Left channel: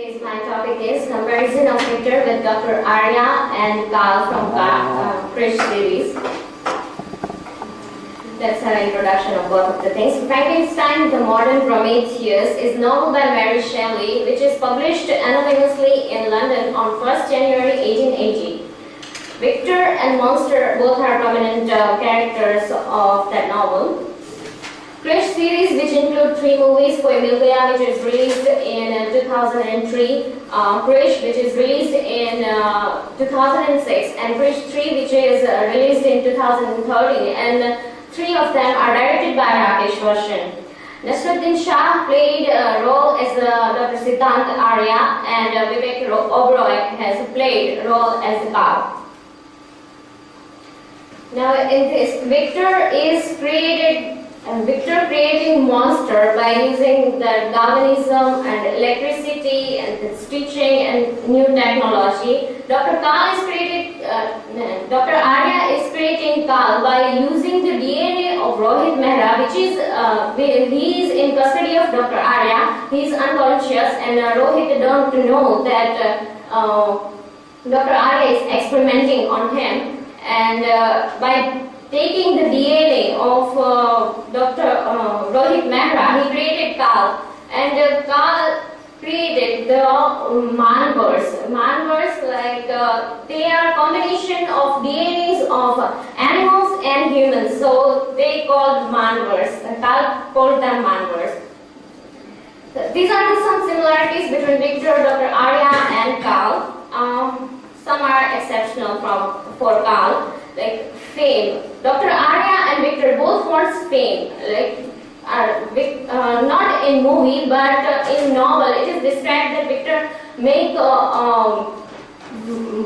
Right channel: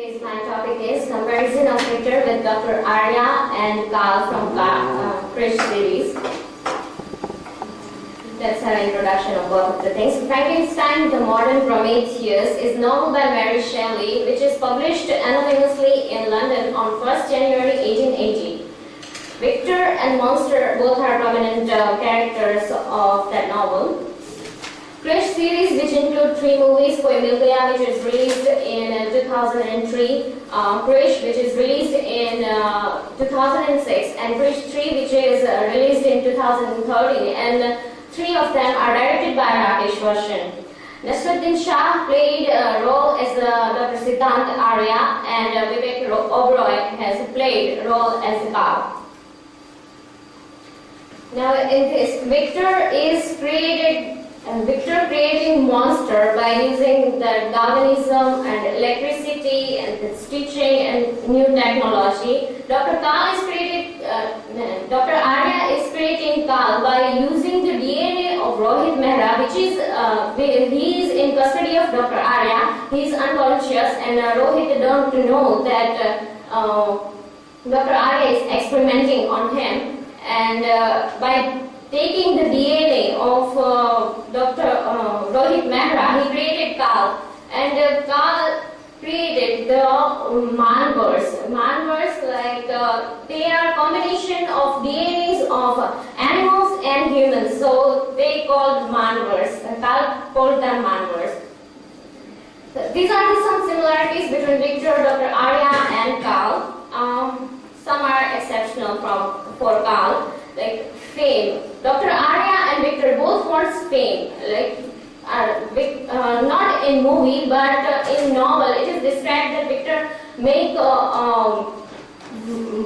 Today's my topic is comparison of Victor with Dr. Arya and Kaal from Krish Series. That's our introduction of both of the things. Frankenstein, the Modern Prometheus is novel by Mary Shelley, which is published anonymously in London on 1st January 1880. Victor and Monster both are prominent characters of that novel. Krish Series, which include 3 movies, Koi Mil Gaya, which is released in 2003, Krish, which is released in 2006, and Krish 3, which is released in 2013, and 3 of them are directed by Rakesh Roshan. Nasruddin Shah played a role as Dr. Siddhant Arya, and Vivek Oberoi has played a role as Kaal. Now in this, Victor creating monster by using the galvanism and electricity and the stitching and new technology. Dr. Arya is creating Kaal by using the DNA of Rohit Mehra, which is he is in custody of Dr. Arya. He is unconscious, and Rohit don't know that Dr. Arya is experimenting on him, and by taking the DNA of Dr. Rohit Mehra, he created Kaal, and Kaal created the Manvers. Manvers, like they are combination of DNAs of animals and humans, so they called Manvers. Kaal called them Manvers. These are some similarities between Victor, Dr. Arya, and Kaal. Some are exceptional for Kaal, like fame. Dr. Arya and Victor both wants fame, like not in movie but in novel. It is described that Victor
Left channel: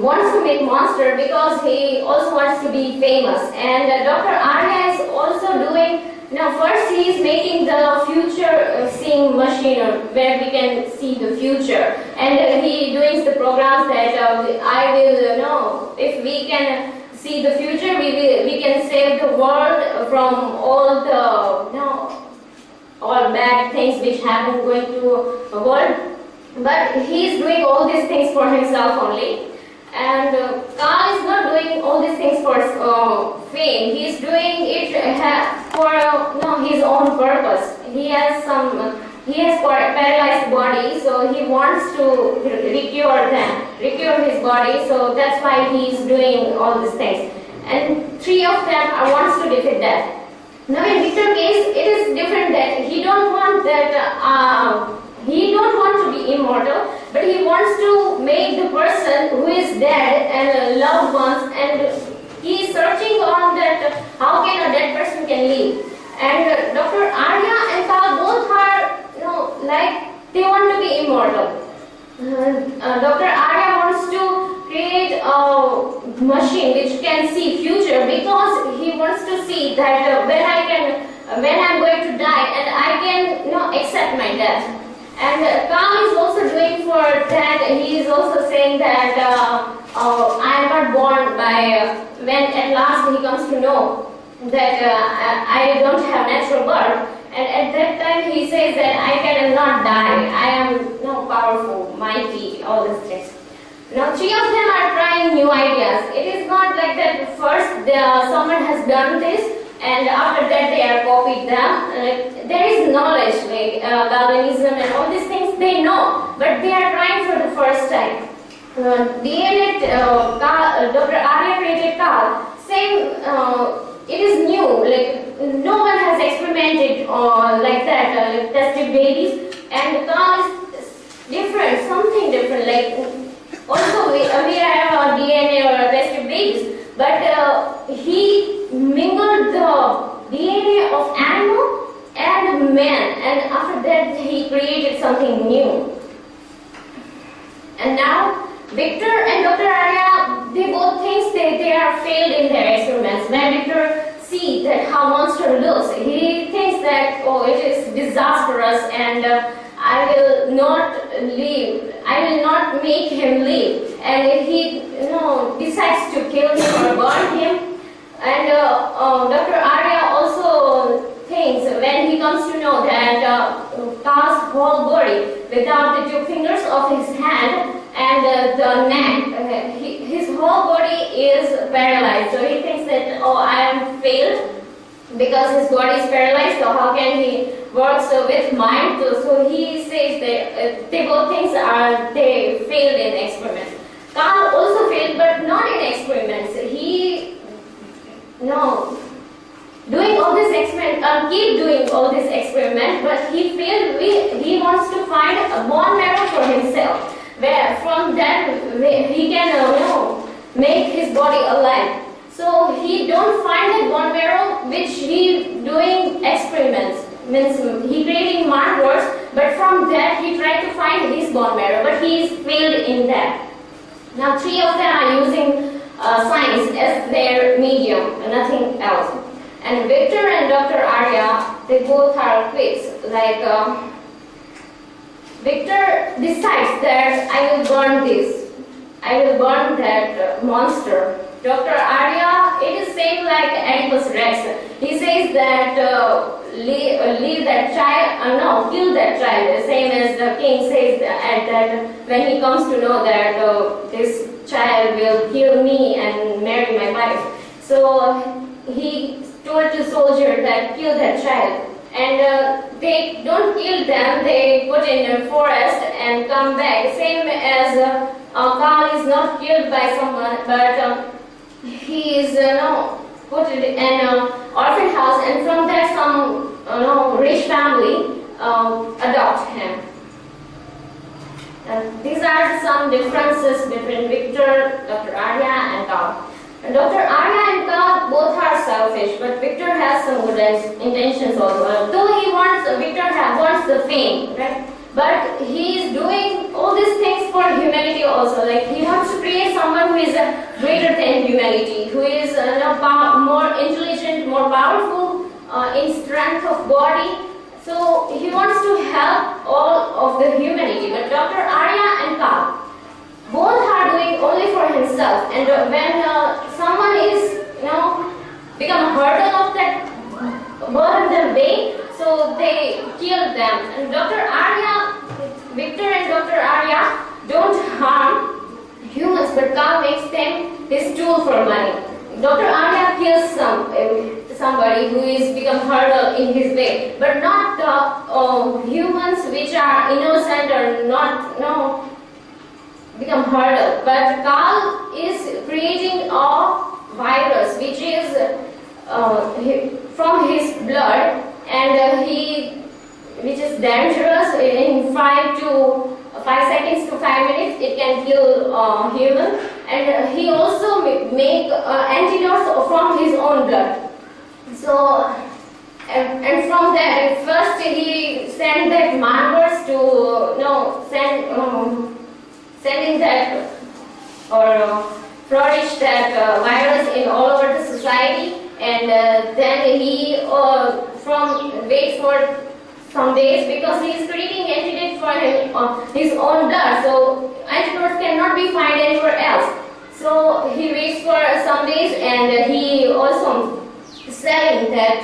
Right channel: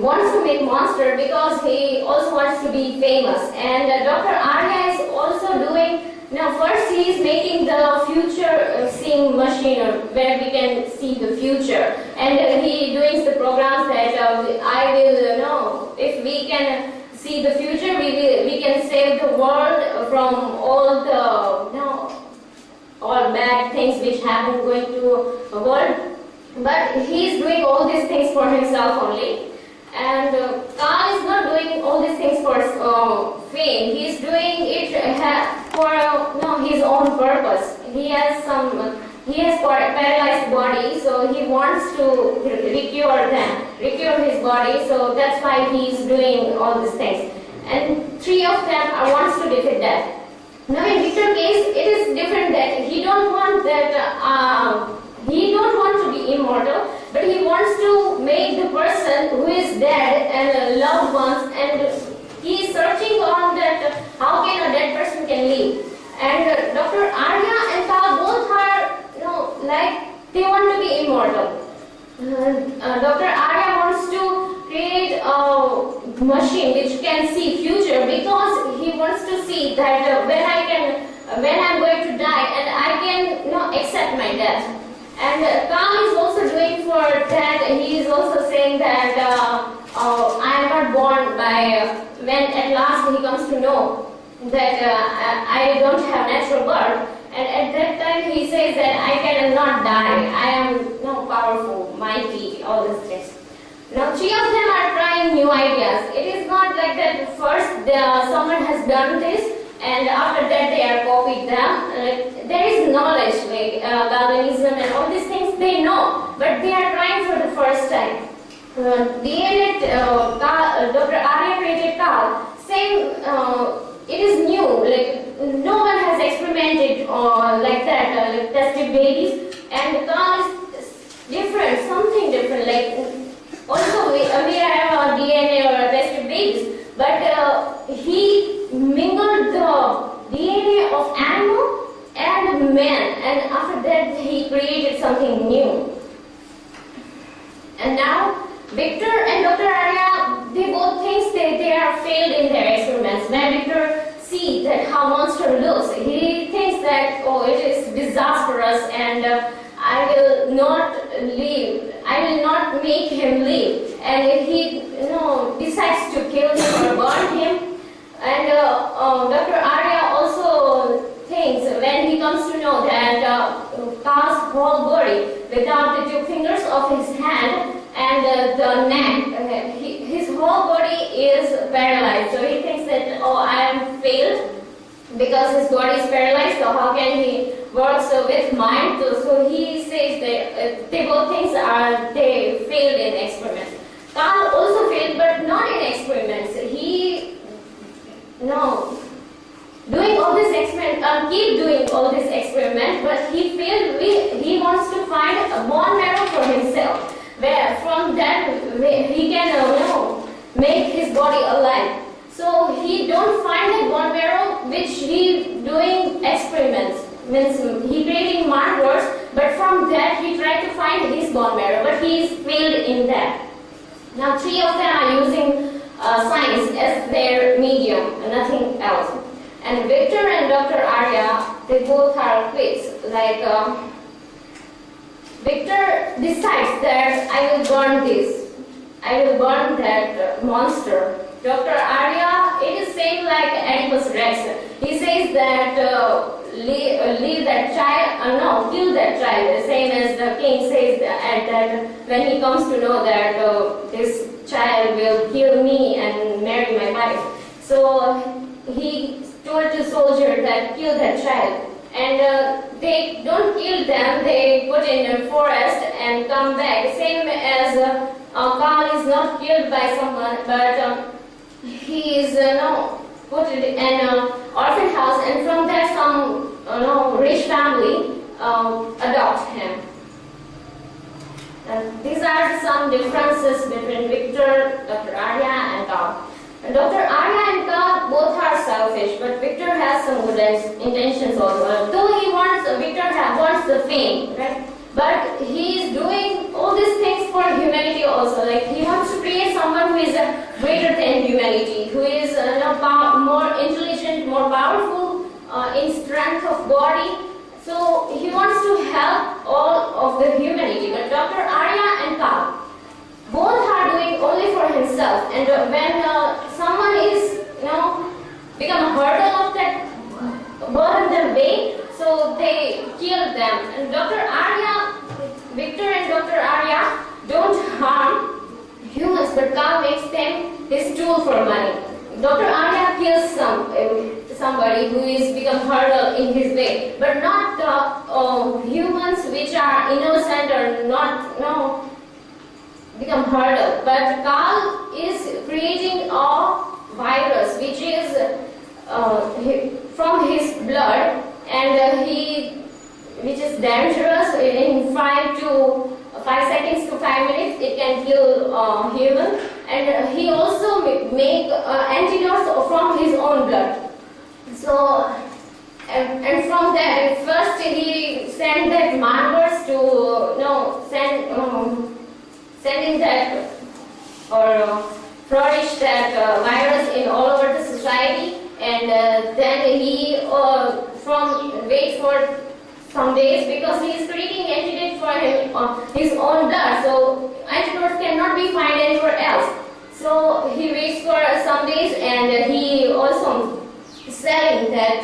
wants to make monster because he also wants to be famous, and Dr. Arya is also doing. Now first he is making the future seeing machine where we can see the future, and he doing the programs that I will know if we can see the future, we can save the world from all the all bad things which happen going to the world. But he is doing all these things for himself only, and Kaal is not doing all these things for fame. He is doing it for his own purpose. He has paralyzed body, so he wants to recure his body. So that's why he is doing all these things. And 3 of them wants to defeat that. Now in Victor's case, it is different that he don't want to be immortal, but he wants to make the person who is dead and loved ones, and he is searching on that how can a dead person can live. And Dr. Arya and Kaal both are like they want to be immortal. Dr. Arya wants to create a machine which can see future because he wants to see that when I'm going to die, and I can accept my death. And Kaal is also doing for that. He is also saying that I am not born by when at last he comes to know that I don't have natural birth. And at that time he says that I cannot die. I am powerful, mighty, all these things. Now 3 of them are trying new ideas. It is not like that first someone has done this and after that they are copied them. There is knowledge, like galvanism and all these things they know, but they are trying for the first time. Dr. Arya created Kaal. Same, it is new, like no one has experimented like that, like tested babies, and Kaal is different, something different, like also we have a DNA or tested babies, but he mingled the DNA of animal and man, and after that he created something new. And now Victor and Dr. Arya, they both think they are failed in their experiments. When Victor sees that how monster looks, he thinks that it is disastrous and I will not make him live. And if he decides to kill him or burn him. And Dr. Arya also thinks when he comes to know that Kaal's whole body without the 2 fingers of his because his body is paralyzed, so how can he work with mind? So he says that they both things they failed in experiments. Kaal also failed, but not in experiments. He doing all this experiment, keep doing all this experiment, but he failed. He wants to find a bone marrow for himself, where from that he can make his body alive. So he don't find that bone marrow which he doing experiments, means he creating markers, but from that he tried to find his bone marrow, but he failed in that. Now 3 of them are using science as their medium, nothing else. And Victor and Dr. Arya, they both are quits. Like Victor decides that I will burn this, I will burn that monster. Dr. Arya, it is same like Oedipus Rex. He says that leave that child, kill that child. Same as the king says that when he comes to know that this child will kill me and marry my wife. So he told the soldier that kill that child. And they don't kill them, they put in a forest and come back. Same as Kaal is not killed by someone, but he is put in an orphan house, and from there some rich family adopt him. These are some differences between Victor, Dr. Arya and Kaal. Dr. Arya and Kaal both are selfish, but Victor has some good intentions also. Though Victor wants the fame, right? But he is doing all these things for humanity also. Like he wants to create someone who is greater than humanity, who is more intelligent, more powerful in strength of body. So he wants to help all of the humanity. But Dr. Arya and Kaal, both are doing only for himself. And when someone is become a hurdle of that burden their way, so they kill them. And Victor and Dr. Arya don't harm humans, but Kaal makes them his tool for money. Dr. Arya kills somebody who is become hurdle in his way, but not the humans which are innocent or not become hurdle. But Kaal is creating a virus which is from his blood, and which is dangerous. In 5 seconds to 5 minutes it can kill human, and he also make antidotes from his own blood. So and from that, first he sent that markers to sending that or flourish that virus in all over the society, and then he wait for some days, because he is creating antidote for his own blood. So antidotes cannot be found anywhere else. So he waits for some days, and he also selling that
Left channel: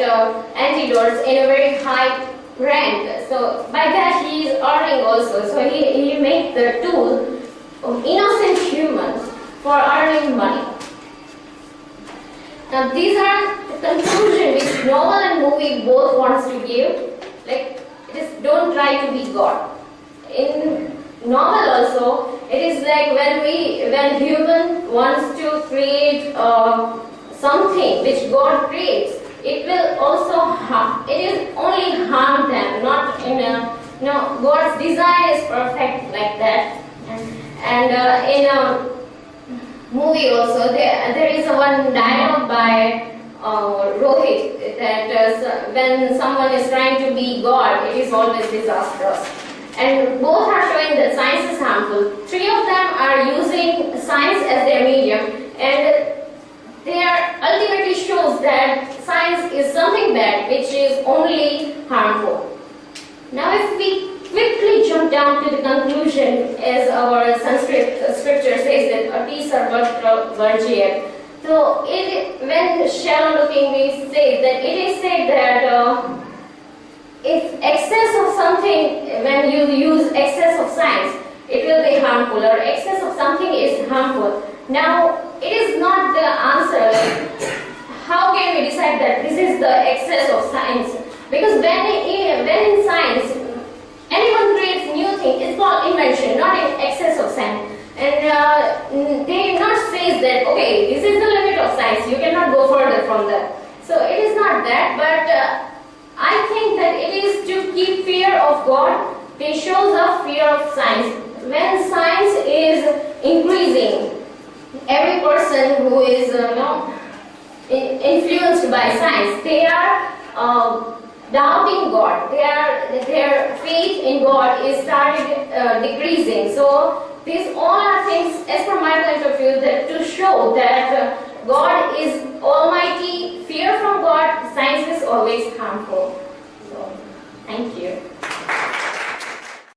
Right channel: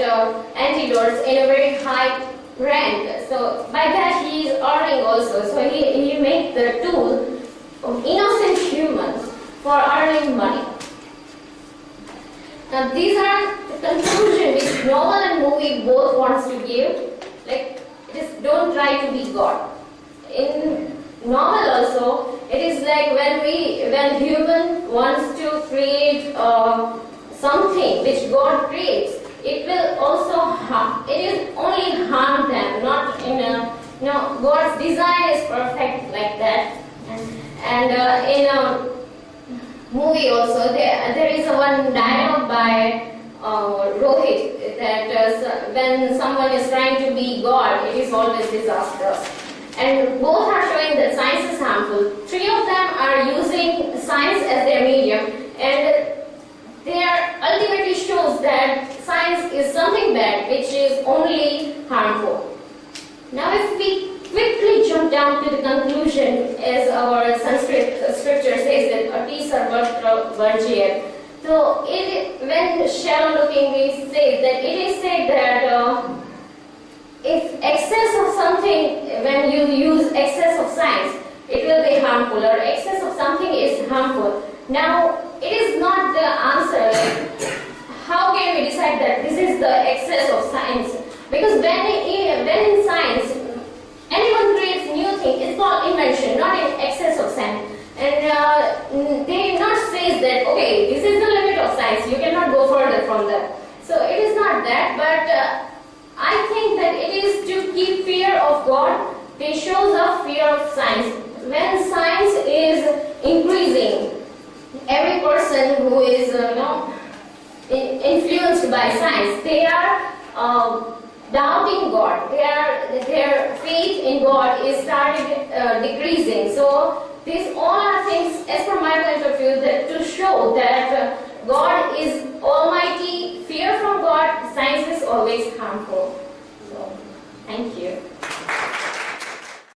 antidotes in a very high rank. So by that he is earning also. So he made the tool of innocent humans for earning money. Now these are the conclusion which novel and movie both wants to give. Like, just don't try to be God. In novel also, it is like when human wants to create something which God creates, it will also harm. It is only harm them, not in a God's design is perfect like that. And in a movie also, there is one dialogue by Rohit that when someone is trying to be God, it is always disastrous. And both are showing that science is harmful. 3 of them are using science as their medium, and they are ultimately shows that science is something bad which is only harmful. Now if we quickly jump down to the conclusion, as our Sanskrit scripture says that ati sarvatra varjyat. So when shallow looking, we say that it is said that if excess of something, when you use excess of science, it will be harmful, or excess of something is harmful. Now it is not the answer. Like, how can we decide that this is the excess of science? Because when in science, anyone creates new thing, it's called invention, not in excess of science. And they not say that, okay, this is the limit of science, you cannot go further from that. So it is not that, but I think that it is to keep fear of God. They shows up fear of science. When science is increasing, every person who is influenced by science, they are doubting God. Their faith in God is started decreasing. So these all are things, as per my point of view, that to show that God is almighty. Fear from God, science is always harmful. So, thank you.